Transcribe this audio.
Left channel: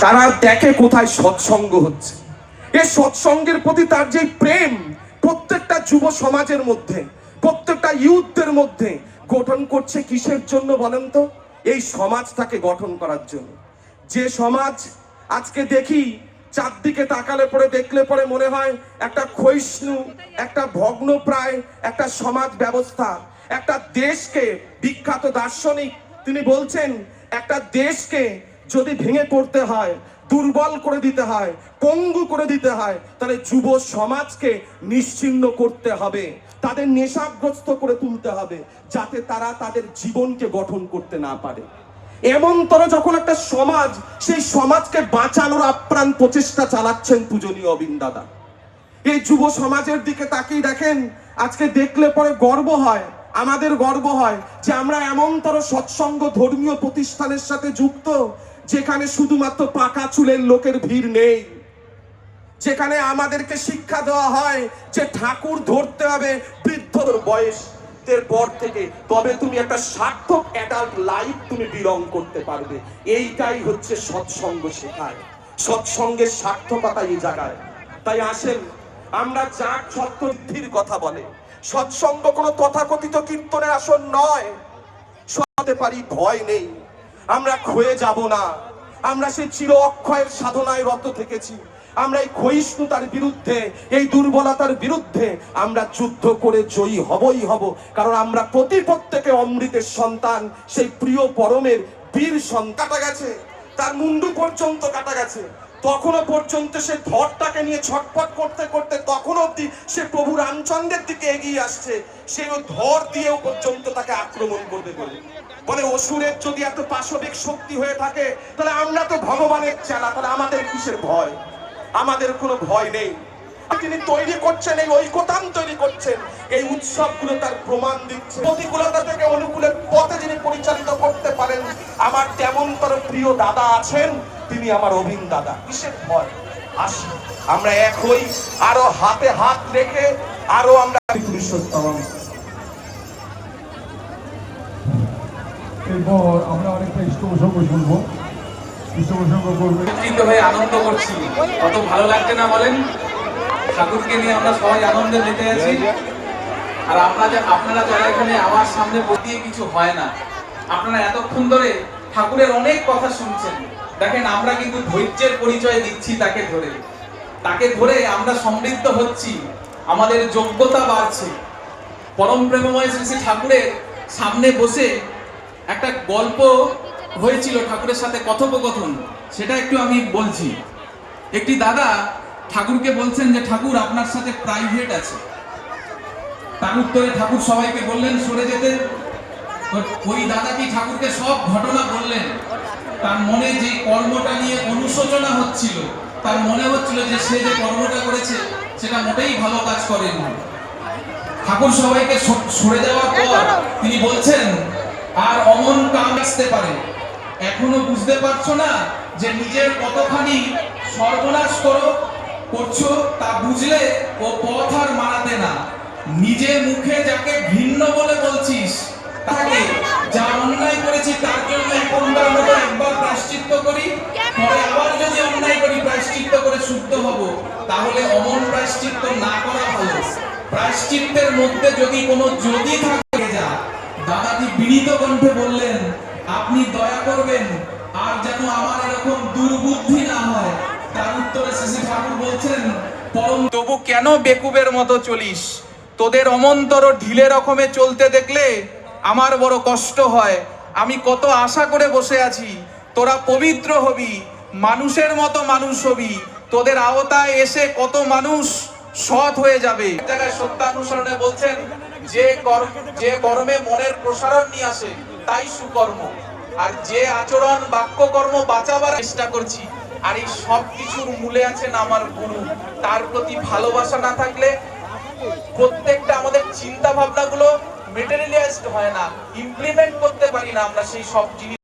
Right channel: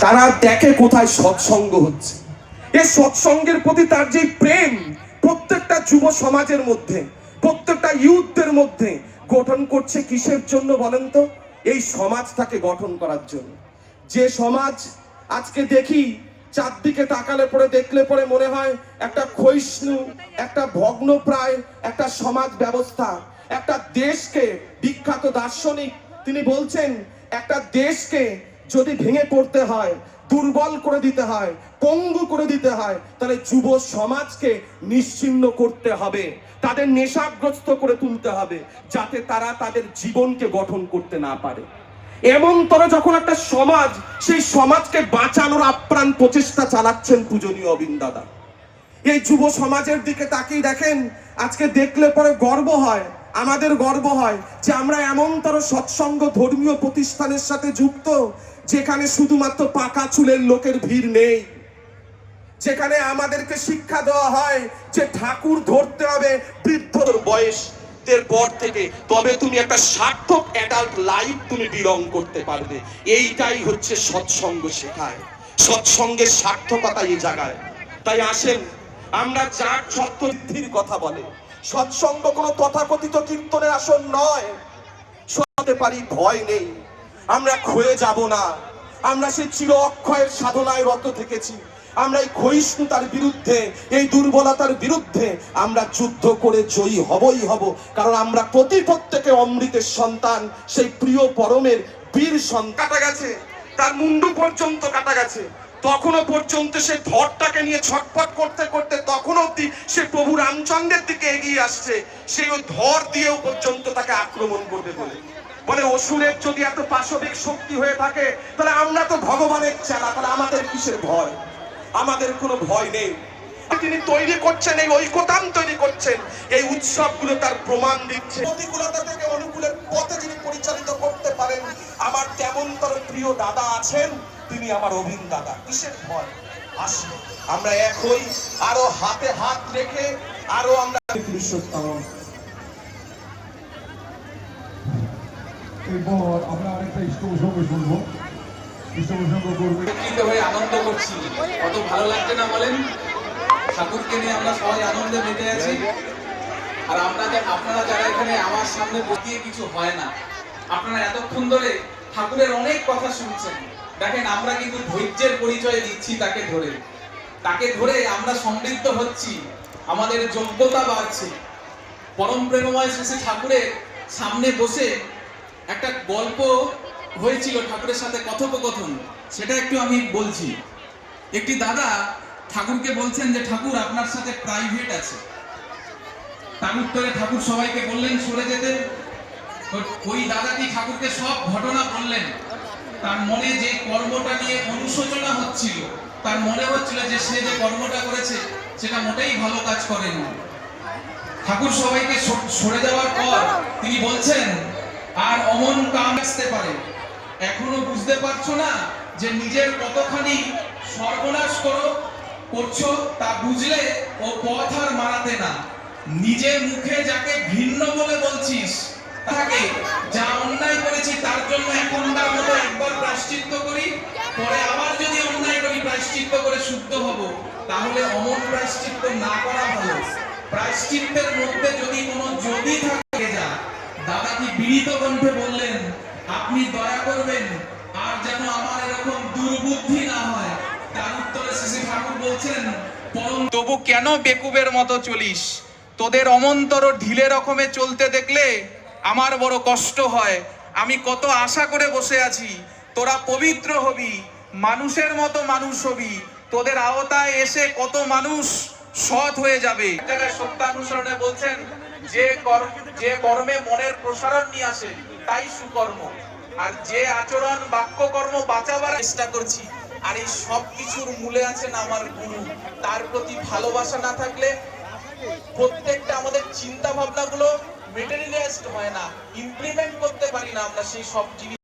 তারা দেখে কোথায় সৎসঙ্গ হচ্ছে। এই সৎসঙ্গের প্রতি তার যে প্রেম প্রত্যেকটা যুব সমাজের মধ্যে, প্রত্যেকটা ইউথদের মধ্যে গঠন করছে কিসের জন্য বলেন তো? এই সমাজটাকে গঠন করার জন্য। যে সমাজ আজকে দেখি চারদিকে তাকালে পরে দেখলে পরে মনে হয় একটা ক্ষয়িষ্ণু, একটা ভগ্নপ্রায়, একটা সমাজ ব্যবস্থা, একটা দেশকে বিখ্যাত দার্শনিক। তিনি বলছেন, একটা দেশকে যদি ভেঙে পড়তে হয়, দুর্বল করে দিতে হয়, পঙ্গু করে দিতে হয়, তাহলে যুব সমাজকে নিশ্চিহ্ন করতে হবে, তাদের নেশাগ্রস্ত করে তুলতে হবে, যাতে তারা তাদের জীবনকে গঠন করতে না পারে। এমনতর যখন একটা সমাজ, সেই সমাজকে বাঁচানোর আপ্রাণ প্রচেষ্টা চালাচ্ছেন পূজনীয় অবিন দাদা। এই যুব সমাজের দিকে তাকিয়ে দেখেন, আজকে দেখলে পরে গর্ব হয়, আমাদের গর্ব হয় যে আমরা এমনতর সৎসঙ্গ ধর্মীয় প্রতিষ্ঠানের সাথে যুক্ত যেখানে শুধুমাত্র পাকা চুলের লোকের ভিড় নেই, যেখানে আমাদেরকে শিক্ষা দেওয়া হয় যে ঠাকুর ধরতে হবে বৃদ্ধর বয়স পর থেকে। তবে তুমি একটা সার্থক অ্যাডাল্ট লাইফ তুমি বিলং করতে পারবে। এইটাই হচ্ছে সৎসঙ্গ শেখায়। সৎসঙ্গের সার্থকতা এই জায়গায়। তাই আসেন, আমরা যার সত্যবুদ্ধির কথা বলে, সৎসঙ্গ কোনো তথাকথিত কীর্তনে আসন নয়। শোনাতে পারি, ভয় নেই। আমরা ক্ষয়ে যাব না। আমরা সেই চির অক্ষয়ের সাধনায় রত থেকেছি। আমরা এই ক্ষয়িষ্ণুতার বিরুদ্ধে, এই দুর্বলতার বিরুদ্ধে আমরা যুদ্ধ করে জয়ী হবই হব। কারণ আমরা প্রতি প্রত্যেকে অমৃতের সন্তান, সেই প্রিয় পরমের বীর সন্তান। কাটা গেছে। তার মুন্ডু পর্যন্ত কাটা গেছে। তখনও পর্যন্ত সে ধরটাকে নিয়ে ছটফট করতে করতে তখনও অব্দি সে প্রভু রামচন্দ্রের দিকে এগিয়ে আসছে। সেই ওই ধর দিয়েও পর্যন্ত তাকে আক্রমণ করবে বলে। বলে অসুরের যদি এত পাশবিক শক্তি হয়ে থাকে, তাহলে আমরা তো ভগবানের চেলা, তাহলে আমাদের কিসের ভয়? আমাদের কোনো ভয় নেই। তিনি তৈরি করছেন, এই ঐকতান তৈরি করছেন, এই উৎসবগুলো তার প্রমাণ দিচ্ছে। প্রতিকূলতা থেকে অনুকূলের পথে যিনি পরিচালিত করতে পারেন। আমার তেমন তার প্রিয় দাদা আছেন, তিনি আমার অভিন দাদা। কিসের ভয়? আসি আমরা এক হই, আরও হাতে হাত রেখে আরও আমরা পুরুষোত্তম এরপর আমরা অনেকটা ইষ্ট প্রসঙ্গ শুনব। ইষ্ট প্রসঙ্গ করবে হয়ে আনন্দ করছি। কত ভালো লাগছে না বলেন? ঠাকুরকে নিয়ে আমরা সবাই আনন্দে মেতে আছি। আর আমরা যে আপনারা যারা এখানে আমার সামনে বসিয়ে কিছু হয় না, আপনারা এতক্ষণ ধরে ঠাকুরের অনেক কথা শুনছেন। দেখেন, আমরা কিন্তু ধৈর্যের পরিচয় দিচ্ছি তাকে ধরে। তাকে ধরে আমরা সমৃদ্ধ হচ্ছি। আমাদের যোগ্যতা বাড়ছে। পরম প্রেমময় শ্রী ঠাকুরের সামনে বসে একটা গল্প হয়েছিল ঠাকুরের সাথে কথোপকথন, সেটা একটু আমি বলছি। একটি দাদা ঠাকুরকে বলছেন যে, ঠাকুর, আপনার সাথে প্রাইভেট আছে। তার উত্তরে ঠাকুর সবাইকে বললেন, সরে যেতে। ওই দাদাটি ঠাকুরকে সব ঘটনা বললেন। তার মনে যে কর্মটা নিয়ে অনুশোচনা হচ্ছিল, তার মনে হচ্ছিল যে সে যে কর্মটা করেছে, সেটা মোটেই ভালো কাজ করেনি। ঠাকুর সবাইকে সরে যাওয়ার পর তিনি বলছেন আর অমন কাম আসতে পারে। এখনও বুঝতে পারছ না যে নিজের কতখানি সর্বনাশ করো, করছ তা বুঝলে ও পথ আর মানাতে না। নিজে মুখে যাকে ভিন্ন বলে বলছিস, তাকে যা অন্যায় করেছি তার জন্য এখনকার মতো একবার প্রাশ্চিত্য করি, পরে আবার যদি অন্যায় করি প্রাশ্চিত্য করে শুদ্ধ হব, তাহলে অমন প্রাশ্চিত্য না করা ভালো। প্রাশ্চিত্যের মধ্যে যদি কোনো যদি থাকে, যা দাদাজি বিনীত কণ্ঠে বললেন আপনি দয়া করবেন, আর যেন আমার এরকম দুর্বুদ্ধি না হয়। তার উত্তরে শ্রী ঠাকুর বলছেন, পরম তবু কেন বেকুবের মতো চলিস? তোদের অমন্তর ঢিলে রকমে চলতে দেখলে আমার বড় কষ্ট হয়। আমি কত আশা করে বসে আছি, তোরা পবিত্র হবি, মানুষের মতো মানুষ হবি। তোদের আওতায় এসে কত মানুষ সৎ হয়ে যাবে। জায়গায় সত্যানুসরণে বলছেন, যে কর্ম যে কর্মে মনের প্রসারণ নিয়ে আসে, তাই সুকর্ম। আর যে আচরণ বাক্য কর্ম বাঁচাবার চেষ্টা করছি, আর এই সব কিছুর মূলে আছেন আমার গুরু। তার প্রতি ভালোবাসা না থাকলে প্রত্যেকটা আমাদের চিন্তা ভাবনা গুলো মেটেরিয়ালাইজড হয় না ইমপ্লিমেন্ট করতে পারি না আমরা সেই সব জিনিস